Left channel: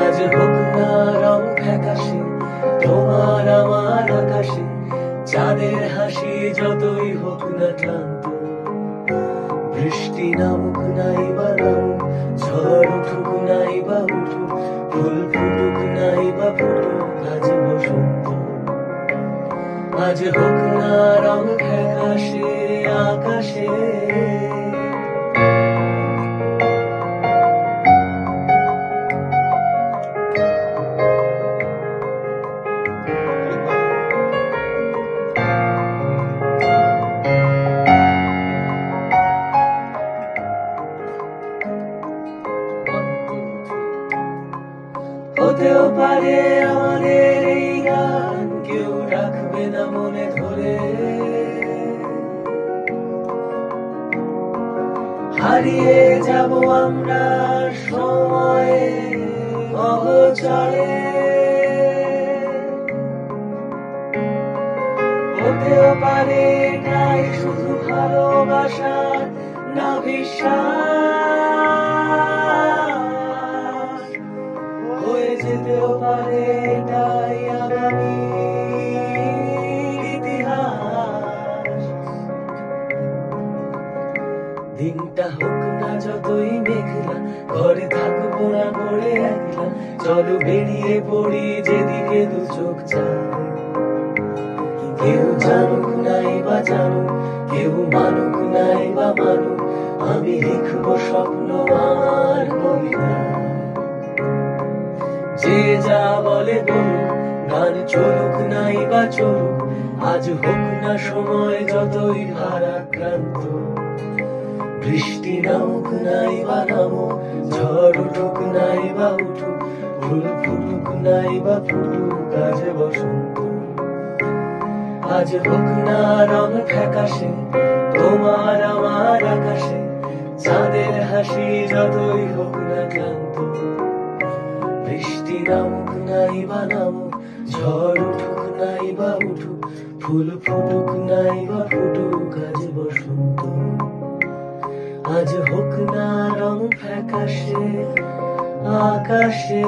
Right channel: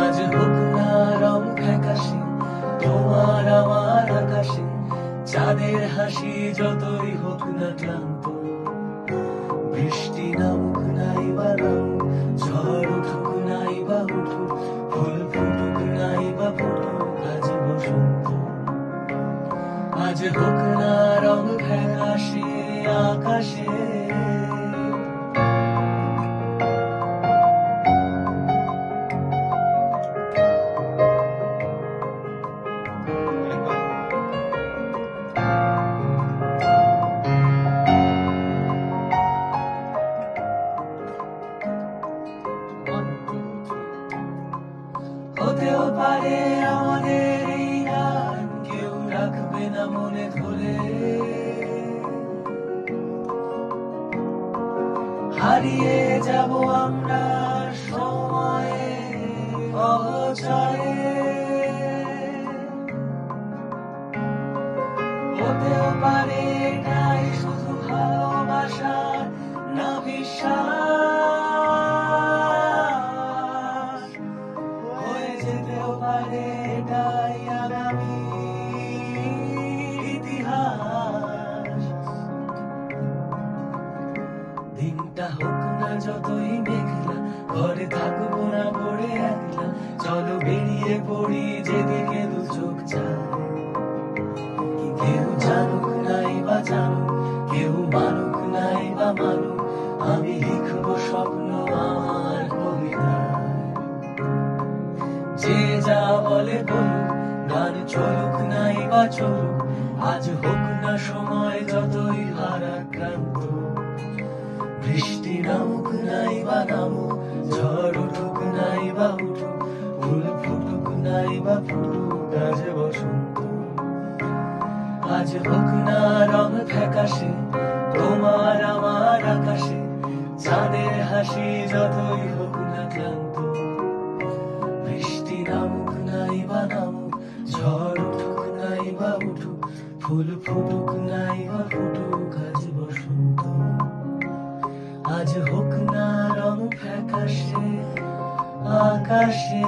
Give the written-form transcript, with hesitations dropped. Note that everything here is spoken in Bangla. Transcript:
আজ হোক না রং ফ্যাকাশে তোমার আমার আকাশে, চাঁদের হাসি যতই হোক না ক্লান্ত। বৃষ্টি নামুক নাই বা নামুক, ঝড় উঠুক নাই বা উঠুক, ফুল ফুটুক নাই বা ফুটুক, আজ বসন্ত। আজ হোক না রং ফ্যাকাশে আকাশে। হতেও পারে আমাদের এই গান কেউ রাখবে না মনে ধরে, হারিয়ে যাব আমরা সময়ে অগোচরে। হতেও পারে এটাই শুধু ভালোবাসার না বিশ্বাস, হয়ে যেতেও পারে এটাই আগামী ইতিহাস। দিনটা হোক না যতই মেঘলা, ঘরে থাকবো না পড়ে একলা, চলো বেরিয়ে পড়ি যেদিকে দু চোখ চায়। কেউ জানুক নাই বা জানুক, কেউ মানুক নাই বা মানুক, আমি লিখবো স্বপ্ন আর কবিতা। যে যা বলে বলুক, গান চলুক নাই বা চলুক, আজ হোক না সময় যতই ভারাক্রান্ত। বৃষ্টি নামুক নাই বা নামুক, ঝড় উঠুক নাই বা উঠুক, ফুল ফুটুক নাই বা ফুটুক, আজ বসন্ত। আজ হোক না রং ফ্যাকাশে তোমার আমার আকাশে, চাঁদের হাসি যতই হোক না ক্লান্ত। বৃষ্টি নামুক নাই বা নামুক, ঝড় উঠুক নাই বা উঠুক, ফুল ফুটুক নাই বা ফুটুক, আজ বসন্ত। আজ হোক না রং ফ্যাকাশে আকাশে।